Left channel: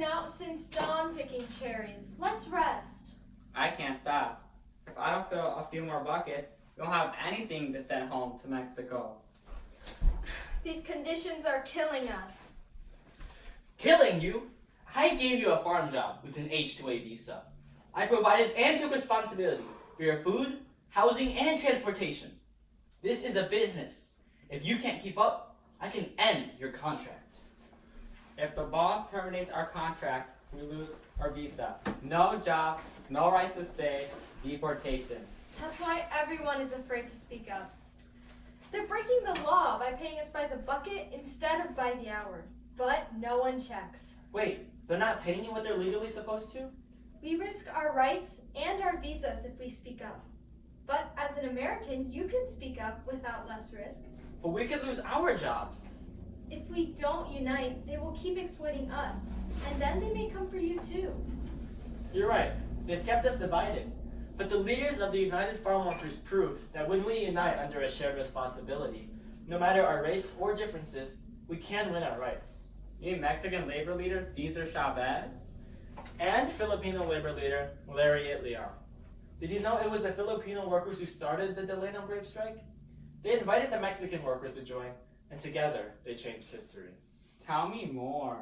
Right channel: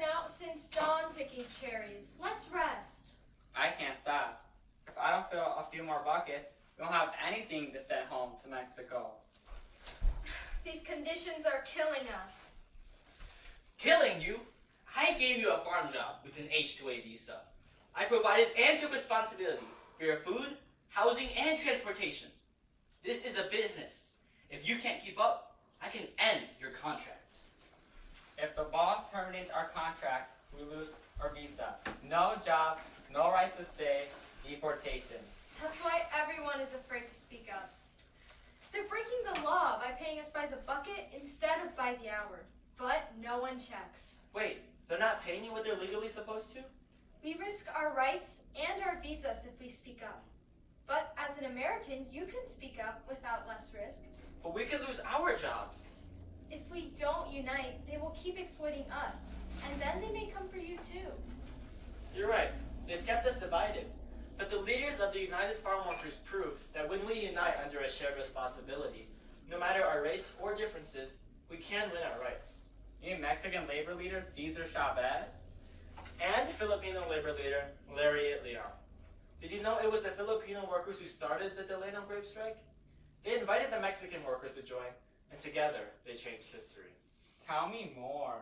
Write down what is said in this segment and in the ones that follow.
been out since dawn picking cherries. Let's rest. I can't stop. If I don't fill a few more buckets, we won't have anything to send home to Mexico. These conditions are killing us. Killing you? I gave you a farm job with an H-2A visa. I provided and took responsibility for your food, housing, and transportation. This is a business. If you can't keep up, I can end your contract. If the boss terminates our contract, we lose our visa. No job, no right to stay, deportation. That's why everyone is afraid to speak up. They're breaking the law by paying us by the bucket instead of by the hour. But no one checks. Wait, they're not paying you what they're legally supposed to? We risk our rights and our visas if we speak up. But as an American, you can speak up without less risk. But we could lose our jobs. If we don't unite, they will keep exploiting us. And then they may come for you too. You're right. They've kept us divided. But the leaders of the United Farm Workers proved that when we unite under a shared responsibility, no matter our race or differences, we can win our rights. You Mexican labor leader Cesar Chavez? And Filipino labor leader Larry Itliong. Did you know it was the Filipino workers who started the Delano Grape strike? They invited the Mexican workers to join, and together they changed history. Tell me more.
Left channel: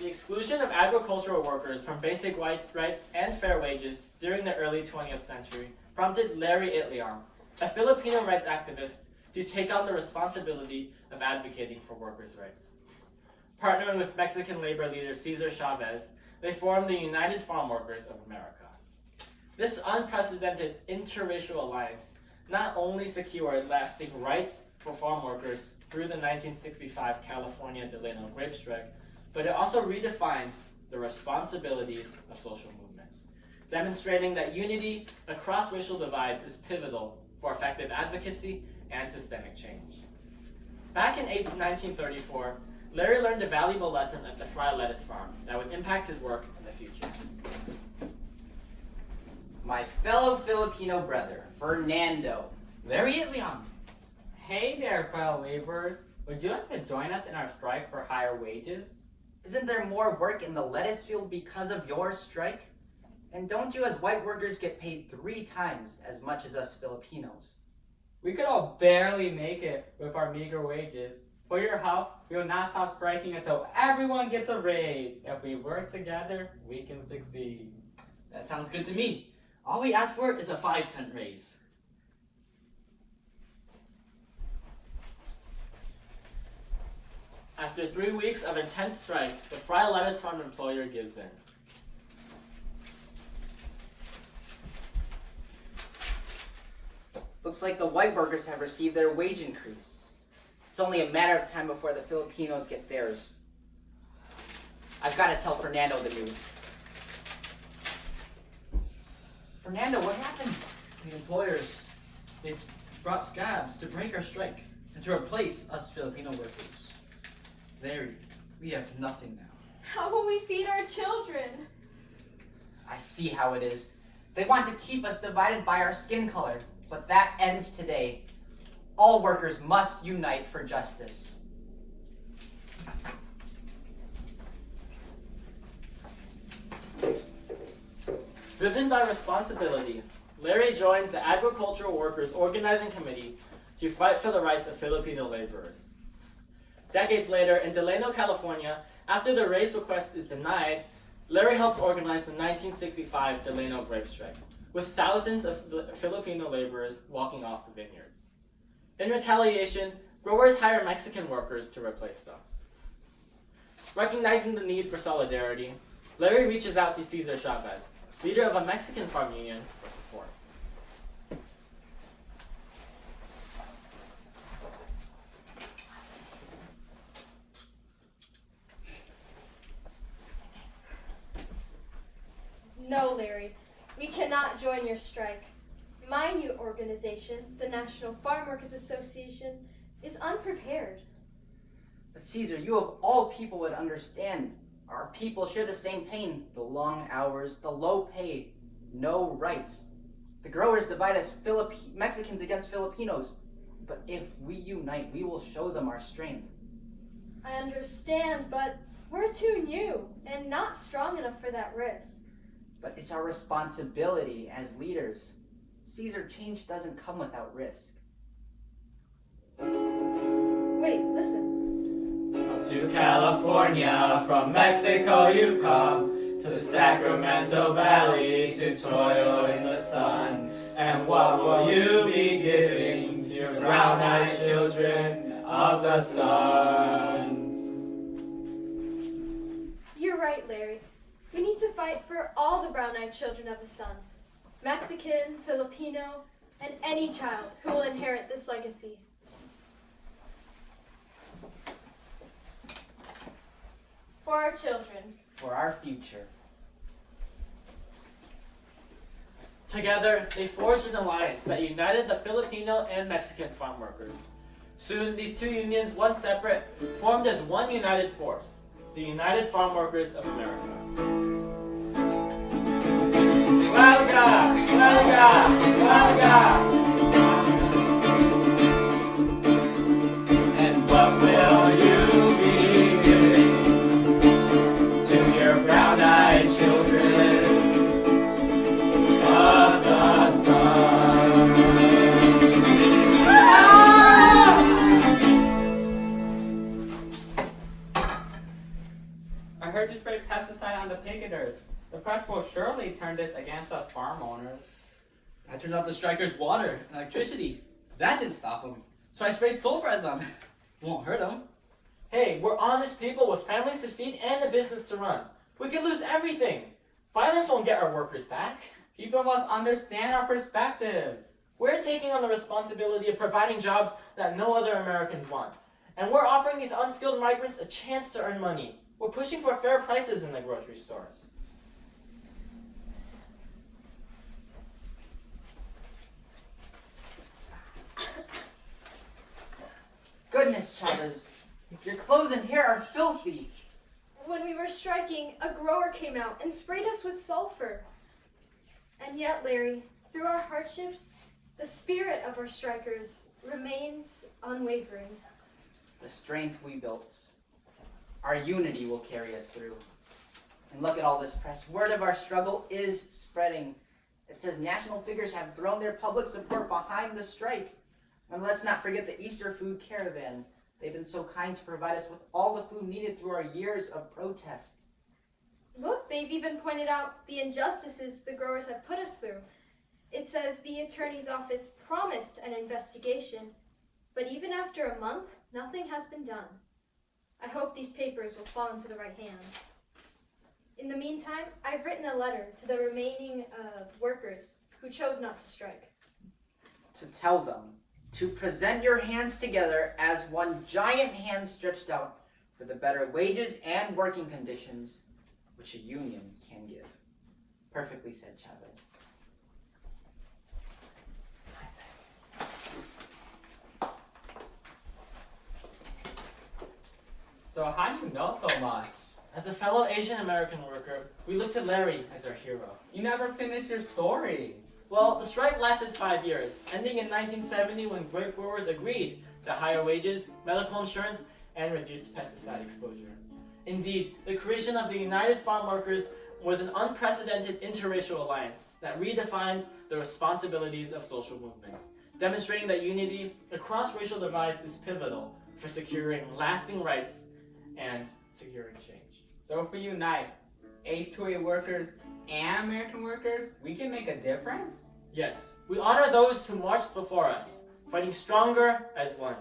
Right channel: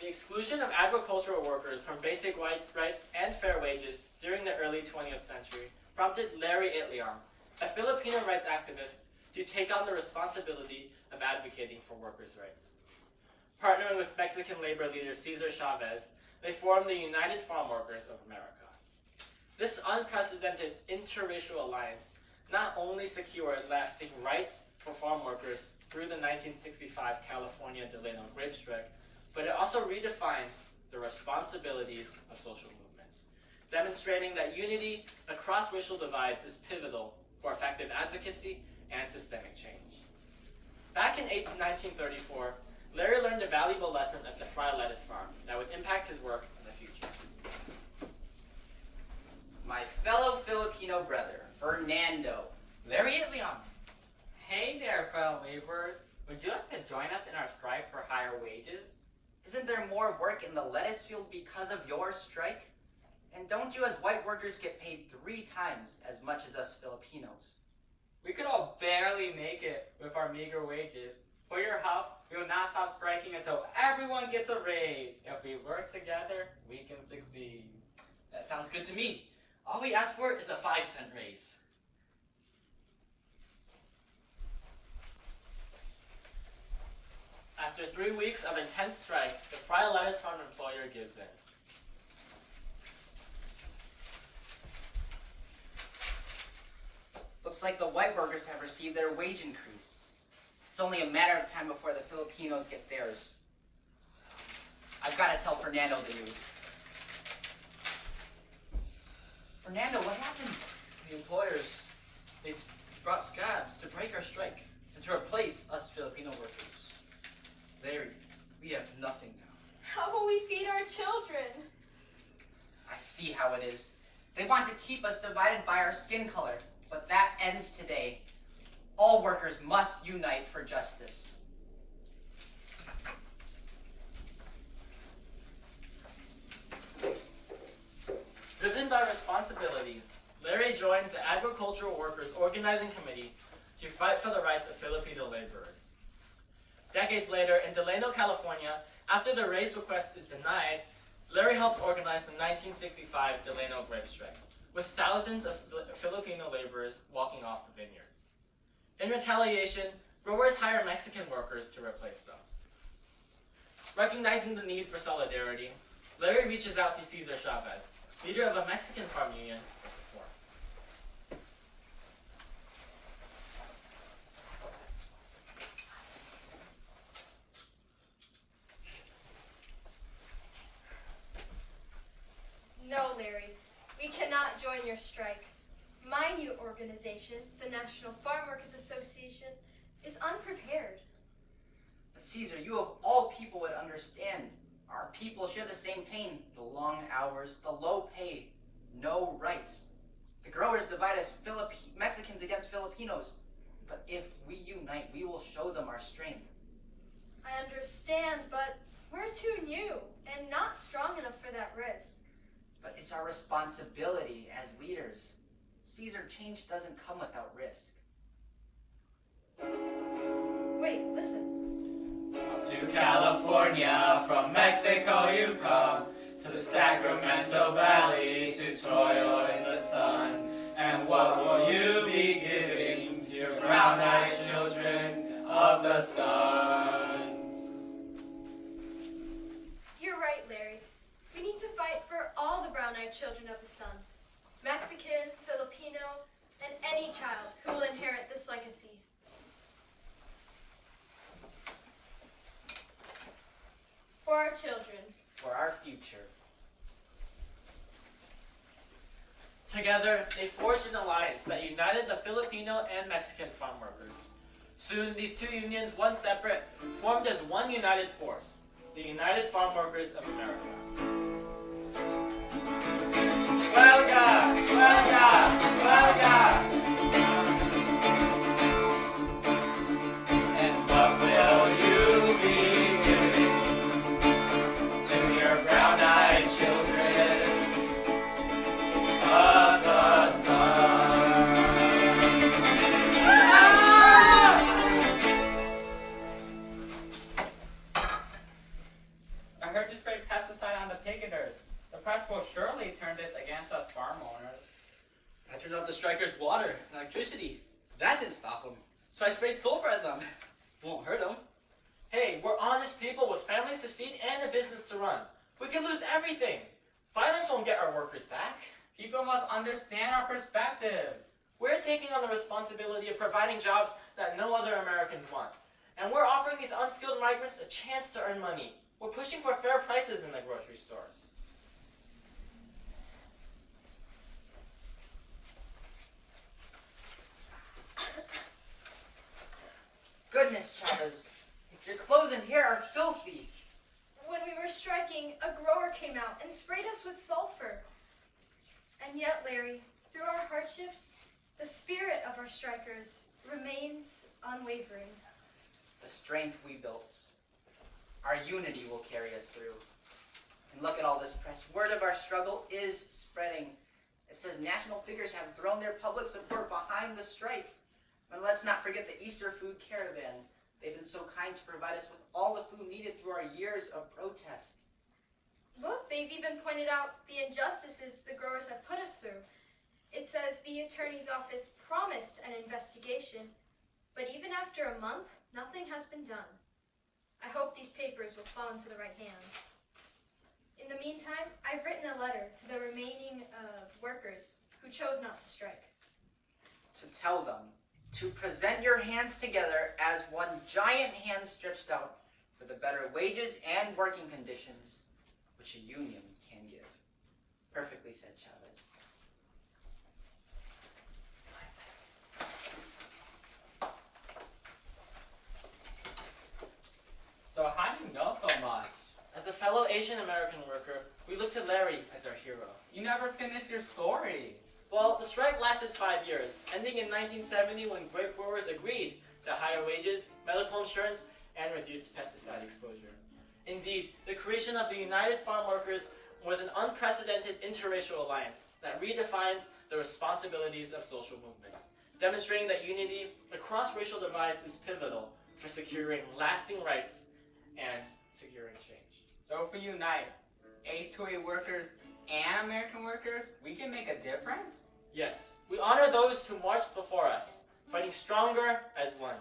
The exclusion of agricultural workers from basic rights and fair wages during the early 20th century prompted Larry Itliong, a Filipino rights activist, to take on the responsibility of advocating for workers' rights. Partnering with Mexican labor leader Cesar Chavez, they formed the United Farm Workers of America. This unprecedented interracial alliance not only secured lasting rights for farm workers through the 1965 California Delano Grape strike, but it also redefined the responsibilities of social movements, demonstrating that unity across racial divides is pivotal for effective advocacy and systemic change. Back in 1934, Larry learned a valuable lesson at the Fry Lettuce Farm that would impact his work in the future. My fellow Filipino brother, Fernando, Larry Itliong. Hey there, fellow laborers. Would you like to join us in our strike for higher wages? Isn't there more work in the lettuce field because of your strike? And don't you as white workers get paid 3 times as much as us Filipinos? We could all barely make it with our meager wages. For your help, we will not stop striking until everyone gets a raise. If we work together, we can succeed. That sounds good to me. All we ask for is a 5-cent raise. After 3 weeks of intense strike, the Fry Lettuce Farm employer gives in. Looks like the white workers have received their wage increase. It's only a matter of time before the Filipinos get theirs. I've got to tell Fernando the news. Fernando, what happened? The employers, they brought scabs to break our strike and to replace us Filipino workers. Larry, we have nothing now. How will we feed our children? I see how it is. They want to keep us divided by our skin color, but that ends today. All workers must unite for justice. Driven by responsibility, Larry joins the Agricultural Workers Organizing Committee to fight for the rights of Filipino laborers. Decades later, in Delano, California, after the raise request is denied, Larry helps organize the 1965 Delano Grape strike, with thousands of Filipino laborers walking off the vineyards. In retaliation, growers hire Mexican workers to replace them. Recognizing the need for solidarity, Larry reaches out to Cesar Chavez, leader of a Mexican farm union, for support. No, Larry, we cannot join your strike. My new organization, the National Farm Workers Association, is unprepared. But Caesar, you of all people would understand. Our people share the same pain. The long hours, the low pay, no rights. The growers divide us Mexicans against Filipinos. But if we unite, we will show them our strength. I understand, but we're too new and not strong enough for that risk. But it's our responsibility as leaders. Cesar, change doesn't come without risk. Wait, listen. Up to California, from Mexico you've come, to the Sacramento Valley to toil in the sun. And what will you be giving to your brown-eyed children of the sun? You're right, Larry. We need to fight for all the brown-eyed children of the sun. Mexican, Filipino, and any child who will inherit this legacy. For our children. For our future. Together, they forged an alliance that united the Filipino and Mexican farm workers. Soon, these two unions, once separate, formed as one united force, the United Farm Workers of America. Huelga! Huelga! Huelga! And what will you be giving to your brown-eyed children of the sun? I heard you sprayed pesticide on the picketers. The press will surely turn this against us farm owners. I turned off the strikers' water and electricity. That didn't stop them. So I sprayed sulfur at them. Won't hurt them. Hey, we're honest people with families to feed and a business to run. We could lose everything. Violence won't get our workers back. People must understand our perspective. We're taking on the responsibility of providing jobs that no other Americans want. And we're offering these unskilled migrants a chance to earn money. We're pushing for fair prices in the grocery stores. Goodness, Chavez. Your clothes in here are filthy. When we were striking, a grower came out and sprayed us with sulfur. And yet, Larry, through our hardships, the spirit of our strikers remains unwavering. The strength we built. Our unity will carry us through. And look at all this press. Word of our struggle is spreading. It says national figures have thrown their public support behind the strike. And let's not forget the Easter food caravan. They've been so kind to provide us with all the food needed through our years of protest. Look, they've even pointed out the injustices the growers have put us through. It says the attorney's office promised an investigation, but even after a month, nothing has been done. I hope these papers will fall into the right hands. In the meantime, I've written a letter to the remaining workers who chose not to strike. To tell them to present your hands together as one giant hand stretched out for the better wages and working conditions which a union can give. Perfectly said, Chavez. So how do you know so much? As a fellow Asian American worker, we look to Larry as our hero. You never finished your story. Well, the strike lasted 5 years, ending in 1970 when grape growers agreed to higher wages, medical insurance, and reduced pesticide exposure. Indeed, the creation of the United Farm Workers was an unprecedented interracial alliance that redefined the responsibilities of social movements, demonstrating that unity across racial divides is pivotal for securing lasting rights and securing change. So if we unite H-2A workers and American workers, we can make a difference? Yes, we honor those who marched before us, fighting stronger as one.